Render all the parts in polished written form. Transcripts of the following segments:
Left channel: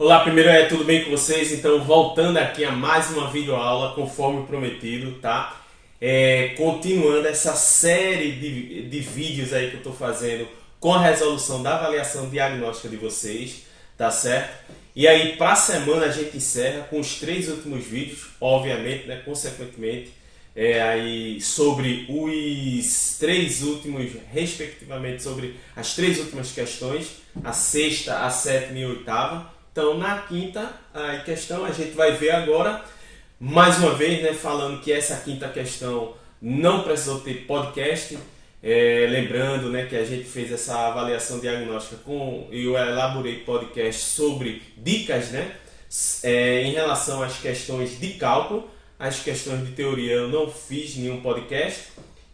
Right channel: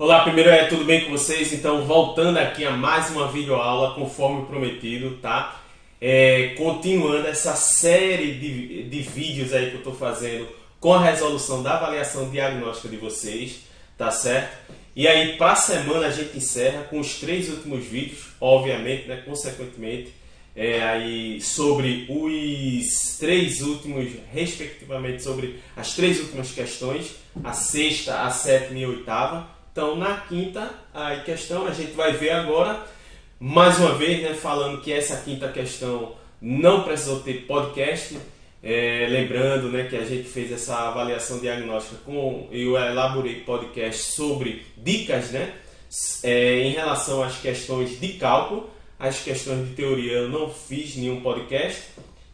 Olá, primeiro tudo bem com vocês? Então, voltando aqui a mais uma videoaula, conforme prometido, tá? Continuando essa série de vídeos aí que eu estou fazendo com a resolução da avaliação diagnóstica de vocês, tá certo? E aí, para a semana, a gente encerra com os 3 últimos vídeos, obviamente, né? Consequentemente, aí sobre os 3 últimos, respectivamente, sobre as 3 últimas questões, a sexta, a sétima e a oitava. Então, na quinta questão, a gente vai ver agora, mais uma vez, né, falando que essa quinta questão não precisou ter podcast. Lembrando, né, que a gente fez essa avaliação diagnóstica eu elaborei podcast sobre dicas, né, em relação às questões de cálculo. As questões de teoria eu não fiz nenhum podcast.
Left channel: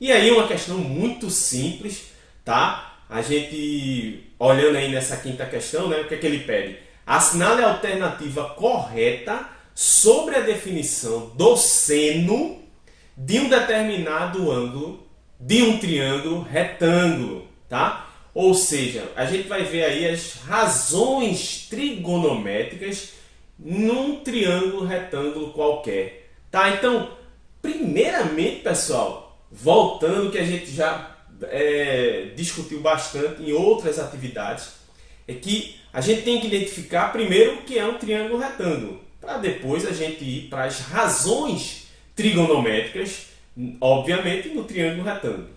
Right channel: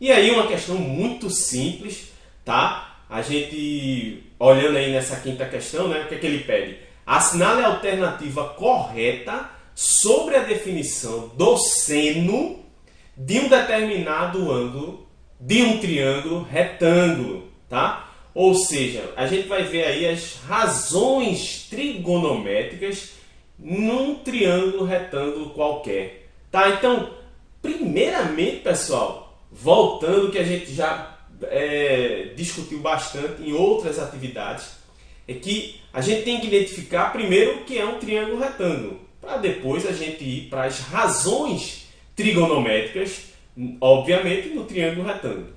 E aí uma questão muito simples, tá? A gente, olhando aí nessa quinta questão, né, o que é que ele pede? Assinale a alternativa correta sobre a definição do seno de um determinado ângulo de um triângulo retângulo, tá? Ou seja, a gente vai ver aí as razões trigonométricas num triângulo retângulo qualquer, tá? Então, primeiramente, pessoal, voltando que a gente já discutiu bastante em outras atividades, é que a gente tem que identificar primeiro o que é um triângulo retângulo, para depois a gente ir para as razões trigonométricas, obviamente, no triângulo retângulo,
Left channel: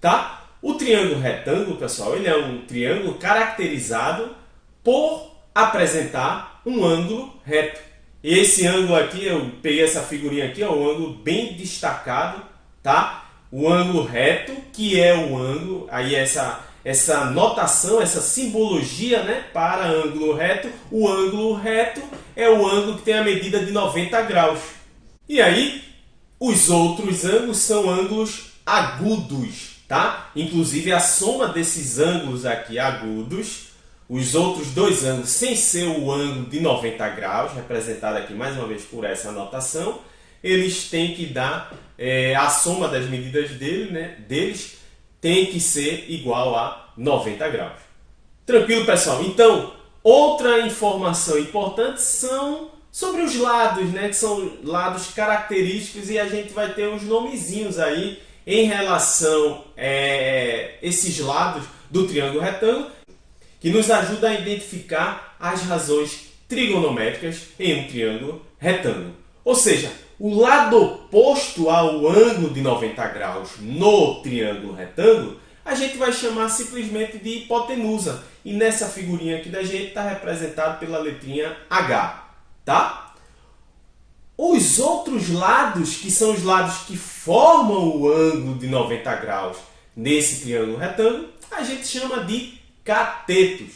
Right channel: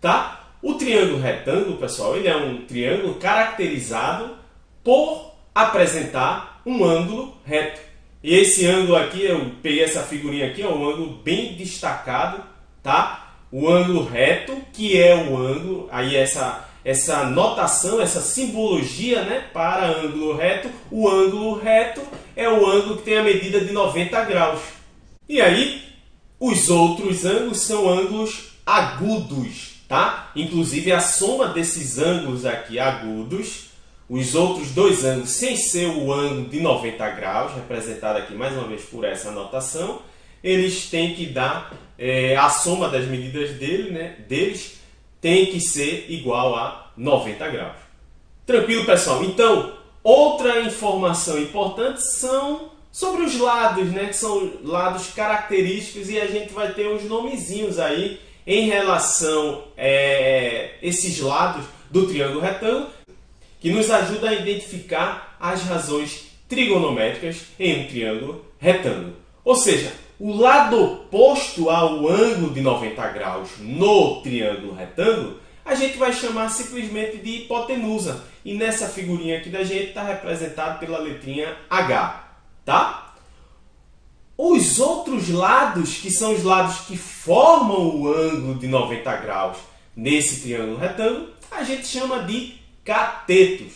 tá? O triângulo retângulo, pessoal, ele é um triângulo caracterizado por apresentar um ângulo reto. E esse ângulo aqui, eu peguei essa figurinha aqui, um ângulo bem destacado, tá? O ângulo reto, que é o ângulo, aí essa notação, essa simbologia, né, para ângulo reto. O ângulo reto é o ângulo que tem a medida de 90 graus. E aí, os outros ângulos são ângulos agudos, tá? Inclusive, a soma desses ângulos aqui agudos, os outros 2 ângulos, sem ser o ângulo de 90 graus, representado aqui mais uma vez por essa notação, eles têm que dar, a soma das medidas deles tem que ser igual a 90 graus. Tranquilo, pessoal? Então, outra informação importante são sobre os lados, né? Que são lados característicos, e a gente vai ter uns nomezinhos aí em relação a esses lados do triângulo retângulo, que nos ajuda a identificar as razões trigonométricas em um triângulo retângulo. Ou seja, o lado oposto ao ângulo de 90 graus no triângulo retângulo, a gente vai chamar simplesmente de hipotenusa. E nessa figurinha aqui da gente está representado pela letrinha H, tá? Os outros lados, que são os lados que formam o ângulo de 90 graus nesse triângulo retângulo, a gente chama de catetos.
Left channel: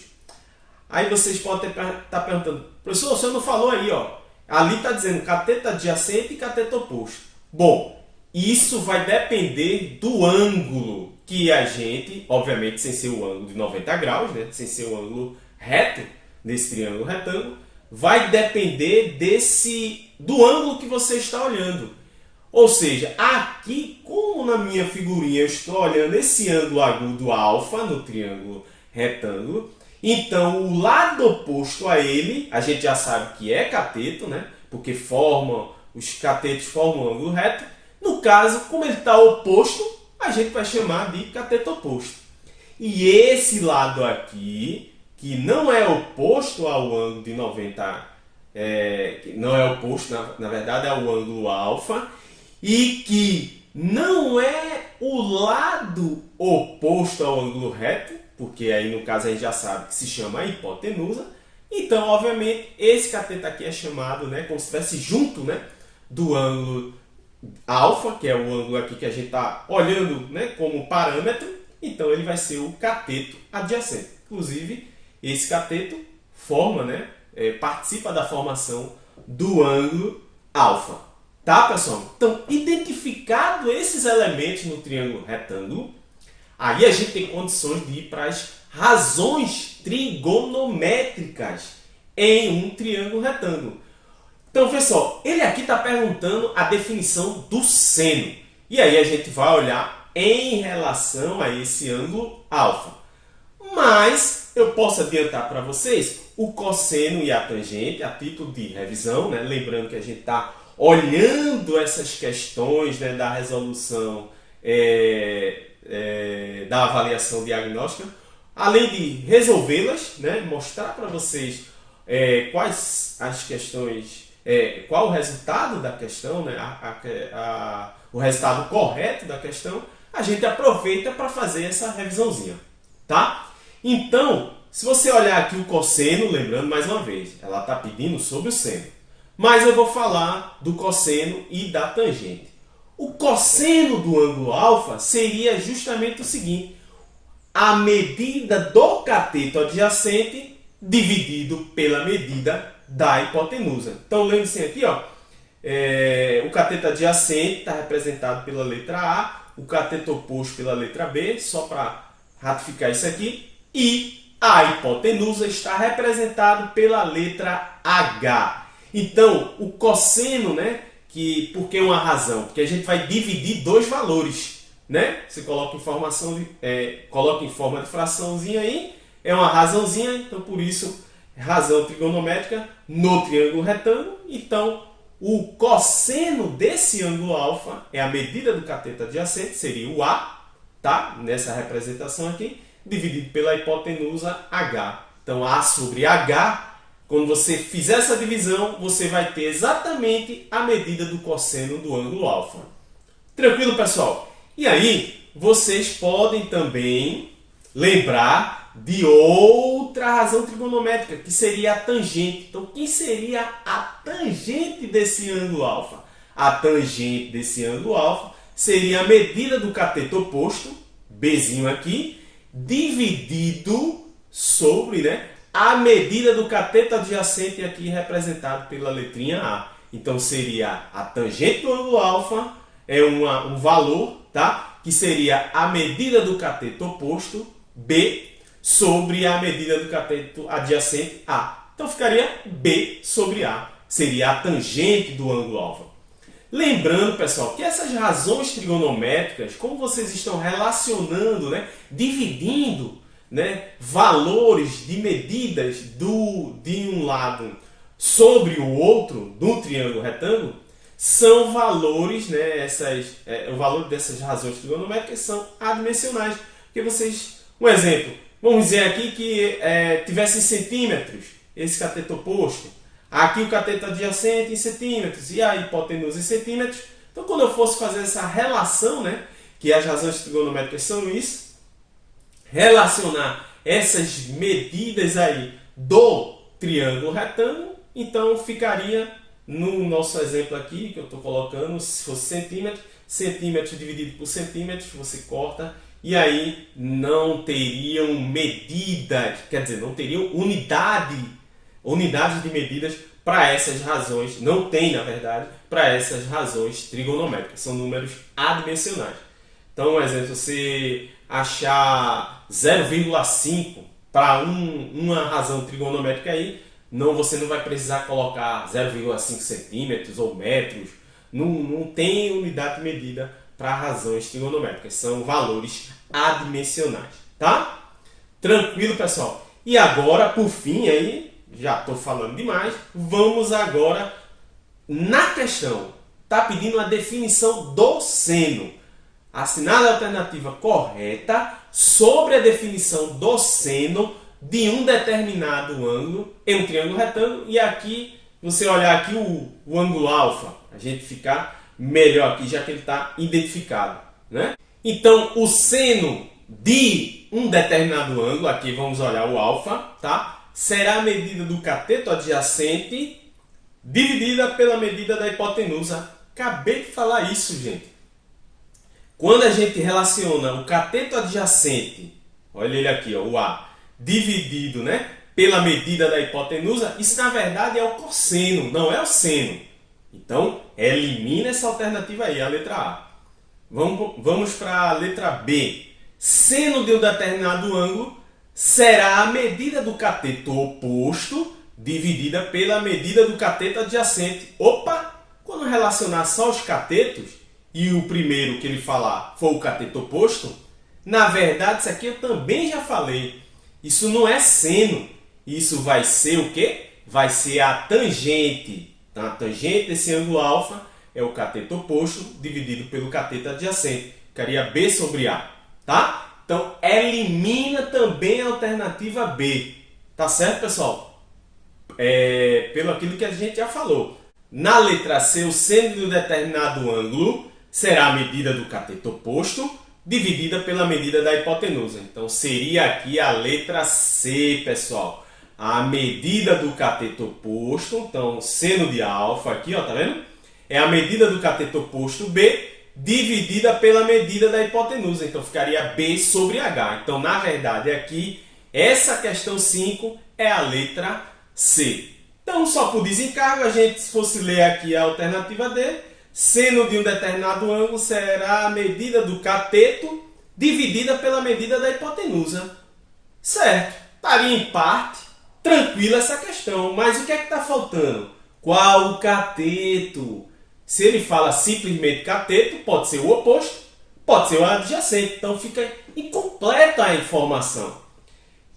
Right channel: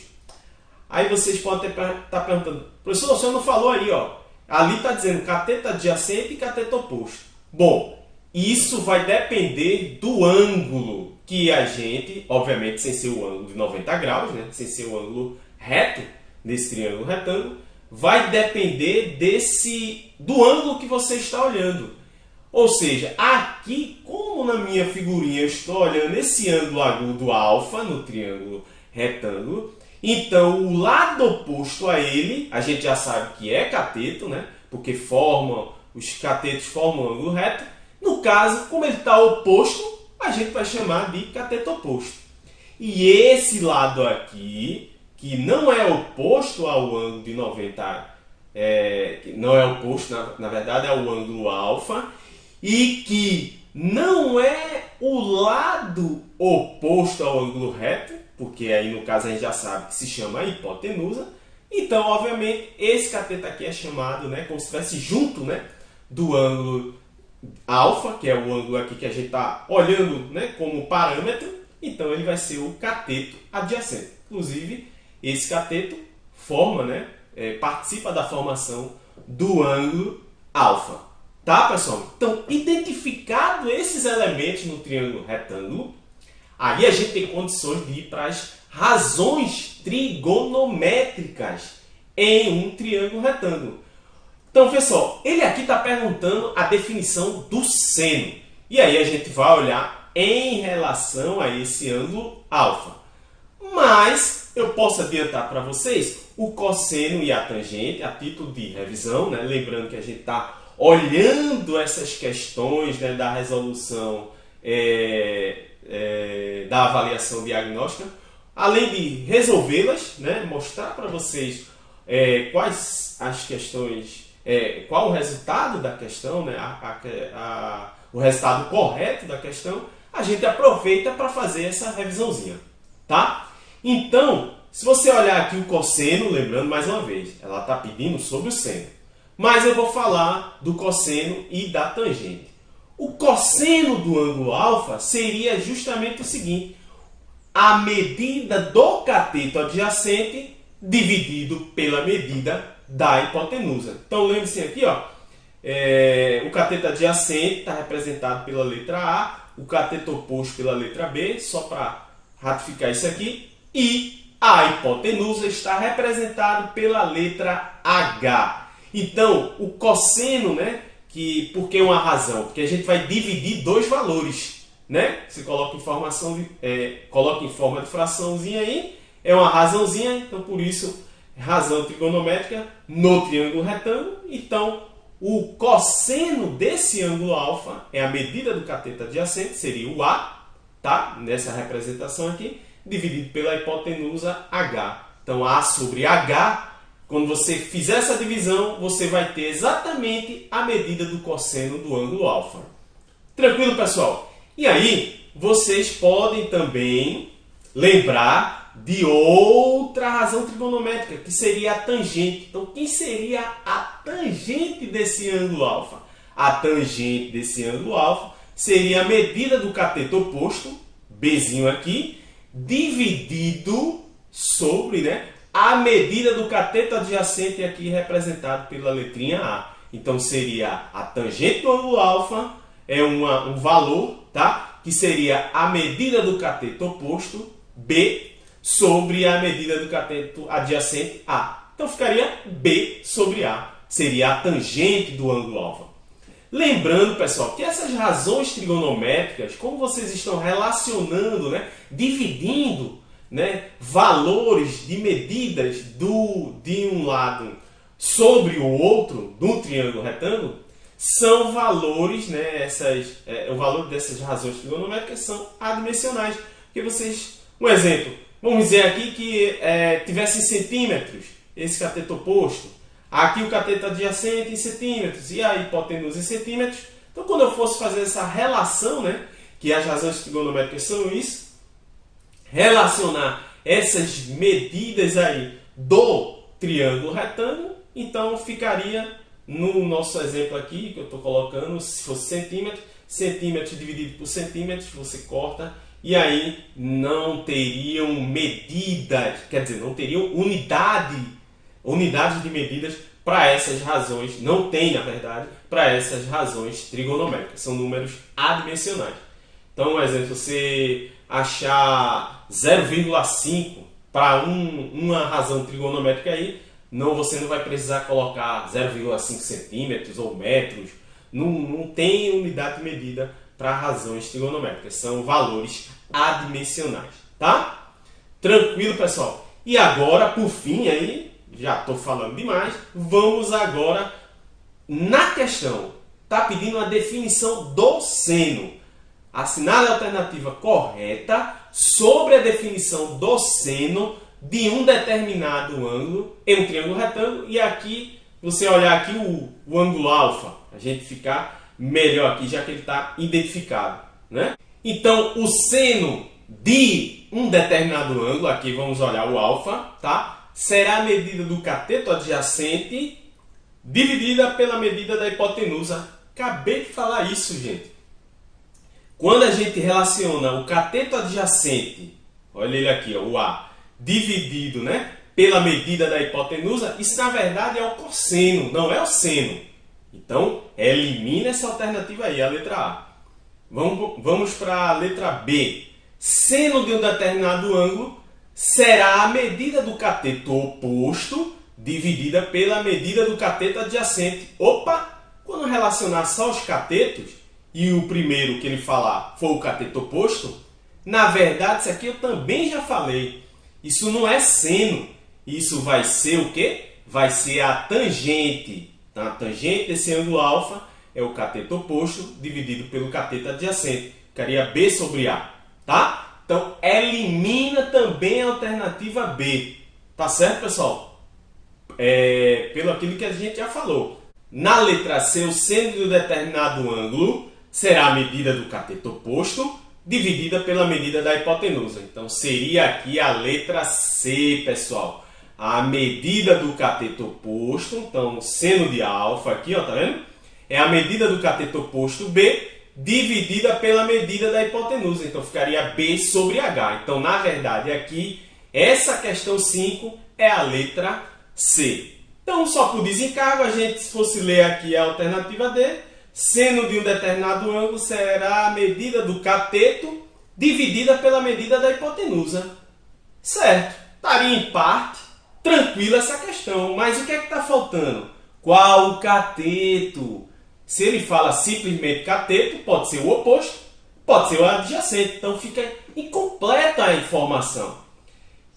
Aí vocês podem estar perguntando, professor, o senhor não falou aí, ó. Ali está dizendo cateto adjacente e cateto oposto. Bom, isso vai depender do ângulo que a gente, obviamente sem ser o ângulo de 90 graus, né? Sem ser o ângulo reto nesse triângulo retângulo, vai depender do ângulo que você está olhando. Ou seja, aqui, como na minha figurinha eu estou olhando esse ângulo agudo alfa no triângulo retângulo, então, o lado oposto a ele, a gente já sabe que é cateto, né? Porque os catetos formam um ângulo reto. No caso, como ele está oposto, a gente vai chamar de cateto oposto. E esse lado aqui, que não é oposto ao ângulo de 90, não é oposto, na verdade é o ângulo alfa, e que não é o lado oposto ao ângulo reto, porque aí no caso a gente já sabe que se chama hipotenusa. Então, obviamente, esse cateto aqui é chamado, né, como se estivesse junto, né, do ângulo alfa, que é o ângulo aqui que a gente está olhando, né, como parâmetro. Então, ele vai ser o cateto adjacente. Inclusive, esse cateto forma, né, participa da formação do ângulo alfa. Tá, pessoal? Então, identificado esses elementos no triângulo retângulo, aí a gente tem condições de ir para as razões trigonométricas em um triângulo retângulo. Então, pessoal, ele aqui está perguntando a definição do seno. E aí a gente vai olhar em relação a esse ângulo alfa. Mas eu posso adiantar para vocês o cosseno e a tangente, a título de revisão, né? Lembrando que a gente está olhando essas questões, né, da resolução da avaliação diagnóstica, além de resolvê-las, né, mostrar para vocês quais as questões, qual o resultado da questão, né, o resultado correto da questão, a gente aproveita para fazer essa revisãozinha, tá? Então, se você olhar aqui o cosseno, lembrando mais uma vez, ela está pedindo sobre o seno, mas eu vou falar do cosseno e da tangente. O cosseno do ângulo alfa seria justamente o seguinte: a medida do cateto adjacente dividido pela medida da hipotenusa. Então, lembre-se aqui, ó, o cateto adjacente está representado pela letra A, o cateto oposto pela letra B, só para ratificar isso aqui, e a hipotenusa está representado pela letra H. Então, o cosseno, né, por que uma razão? Porque a gente vai dividir dois valores, né? Você coloca coloca em forma de fraçãozinha aí, é uma razãozinha, então por isso razão trigonométrica no triângulo retângulo. Então, o cosseno desse ângulo alfa é a medida do cateto adjacente, seria o A, tá? Nessa representação aqui, dividido pela hipotenusa H. Então, A sobre H, quando você fizer essa divisão, você vai ter exatamente a medida do cosseno do ângulo alfa. Tranquilo, pessoal? E aí, vocês podem também lembrar de outra razão trigonométrica, que seria a tangente. Então, quem seria a tangente desse ângulo alfa? A tangente desse ângulo alfa seria a medida do cateto oposto, Bzinho aqui, dividido sobre, né, a medida do cateto adjacente aqui representado pela letrinha A. Então, seria a tangente do ângulo alfa, um valor, tá? Que seria a medida do cateto oposto, B, sobre a medida do cateto adjacente, A. Então, ficaria B sobre A. Seria a tangente do ângulo alfa. Lembrando, pessoal, que essas razões trigonométricas, como vocês estão relacionando, né, dividindo, né, valores de medidas de um lado sobre o outro, do triângulo retângulo, são valores, né, o valor dessas razões trigonométricas são adimensionais. Porque um exemplo, vamos dizer aqui que tivesse em centímetros esse cateto oposto, aqui o cateto adjacente em centímetros e a hipotenusa em centímetros. Então, quando eu fosse fazer essa relação, né, que as razões trigonométricas são isso, relacionar essas medidas aí do triângulo retângulo, então ficaria no nosso exemplo aqui, que eu estou colocando, se fosse centímetro, centímetro dividido por centímetros, você corta, e aí não teriam medidas, quer dizer, não teriam unidade de medidas para essas razões, não tem, na verdade, para essas razões trigonométricas, são números adimensionais. Então, um exemplo, você achar 0,5 para uma razão trigonométrica aí, você não vai precisar colocar 0,5 centímetros ou metros, não tem unidade de medida para razões trigonométricas, são valores adimensionais, tá? Tranquilo, pessoal? E agora, por fim, aí, já estou falando demais, vamos agora na questão. Está pedindo a definição do seno. Assinale a alternativa correta sobre a definição do seno de um determinado ângulo em um triângulo retângulo. E aqui, você olhar aqui o ângulo alfa, a gente ficar melhor aqui, já que ele está identificado, né? Então, o seno de um determinado ângulo, aqui vamos olhar o alfa, tá? Será a medida do cateto adjacente dividida pela medida da hipotenusa. Acabei de falar isso, gente. Quando a gente relaciona o cateto adjacente, olha ele aqui, ó, o A, dividido, né, pela medida da hipotenusa, isso na verdade é o cosseno, não é o seno. Então, elimina essa alternativa aí, a letra A. Vamos para a letra B. Seno de um determinado ângulo será a medida do cateto oposto dividida pela medida do cateto adjacente. Opa! Quando relacionar só os catetos, e o primeiro que ele falar for o cateto oposto, na verdade, isso aqui eu também já falei. Isso não é seno, isso vai ser o quê? Vai ser a tangente. Então, a tangente desse ângulo alfa é o cateto oposto dividido pelo cateto adjacente. Ficaria B sobre A, tá? Então, elimina também a alternativa B. Tá certo, pessoal? Pelo aquilo que a gente já falou. Na letra C, o seno de um determinado ângulo será a medida do cateto oposto dividida pela medida da hipotenusa. Então, seria aqui a letra C, pessoal. A medida do cateto oposto, então, seno de alfa aqui, ó, tá vendo? É a medida do cateto oposto B dividida pela medida da hipotenusa. Então, ficaria B sobre H. Então, na verdade, aqui, essa questão 5 é a letra C. Então, só por desencargo, a gente, se fosse ler aqui a alternativa D, seno de um determinado ângulo será a medida do cateto dividida pela medida da hipotenusa. Certo, estaria em parte tranquila essa questão, mas o que é que está faltando? Qual o cateto? Se ele fala simplesmente cateto, pode ser o oposto, pode ser o adjacente, então fica incompleta a informação.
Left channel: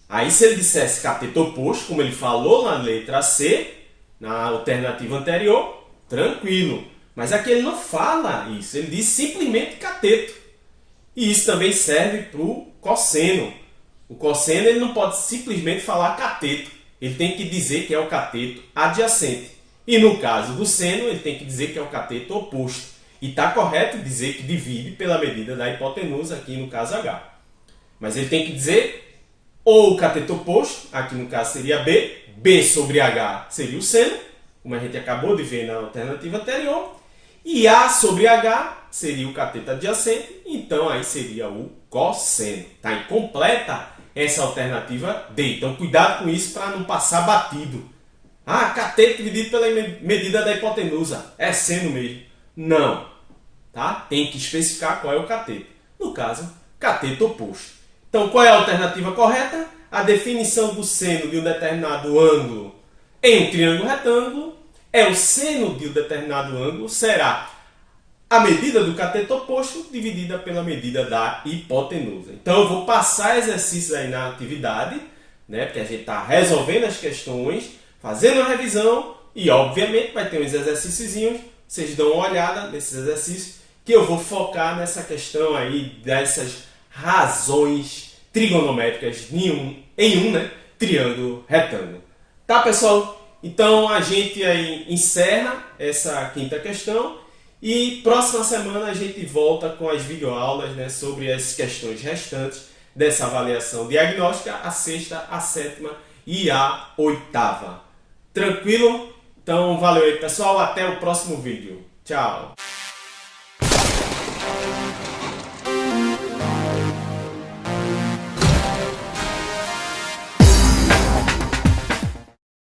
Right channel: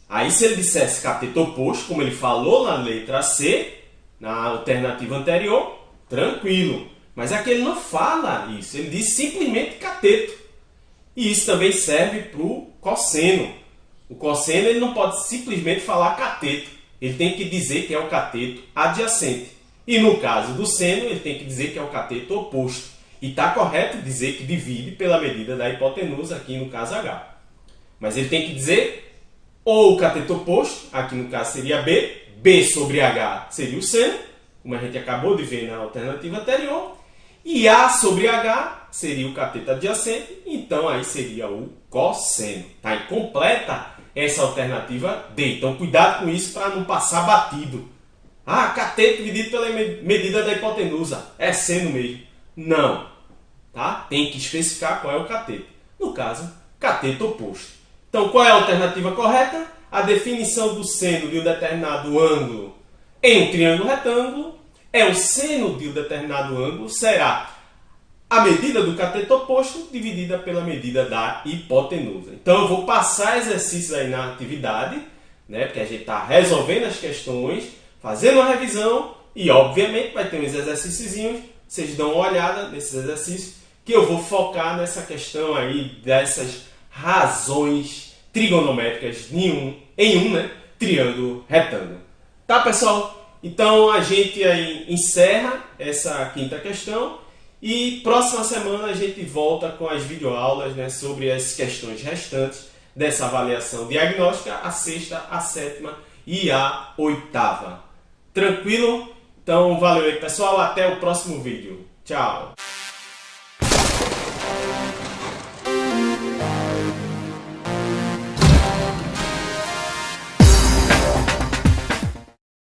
Aí se ele dissesse cateto oposto, como ele falou na letra C, na alternativa anterior, tranquilo. Mas aqui ele não fala isso, ele diz simplesmente cateto. E isso também serve para o cosseno. O cosseno ele não pode simplesmente falar cateto, ele tem que dizer que é o cateto adjacente. E no caso do seno, ele tem que dizer que é o cateto oposto. E está correto dizer que divide pela medida da hipotenusa, aqui no caso H. Mas ele tem que dizer ou o cateto oposto, aqui no caso seria B, B sobre H seria o seno, como a gente acabou de ver na alternativa anterior, e A sobre H seria o cateto adjacente, então aí seria o cosseno. Está incompleta essa alternativa D. Então cuidado com isso para não passar batido. Ah, cateto dividido pela medida da hipotenusa. É seno mesmo. Não. Tá? Tem que especificar qual é o cateto. No caso, cateto oposto. Então qual é a alternativa correta? A definição do seno de um determinado ângulo em um triângulo retângulo é o seno de um determinado ângulo será a medida do cateto oposto dividida pela medida da hipotenusa. Então eu vou passar exercícios aí na atividade, né, porque a gente está resolvendo as questões, fazendo uma revisão e obviamente vai ter uns exercíciozinhos, vocês dão uma olhada nesses exercícios que eu vou focar nessa questão aí dessas razões trigonométricas em um triângulo retângulo. Tá, pessoal? Então a gente aí encerra essa quinta questão e próxima semana a gente volta com as videoaulas, né, sobre as questões restantes dessa avaliação diagnóstica, a sexta, a sétima e a oitava. Tranquilo? Então valeu aí, pessoal, até o próximo vídeo. Tchau!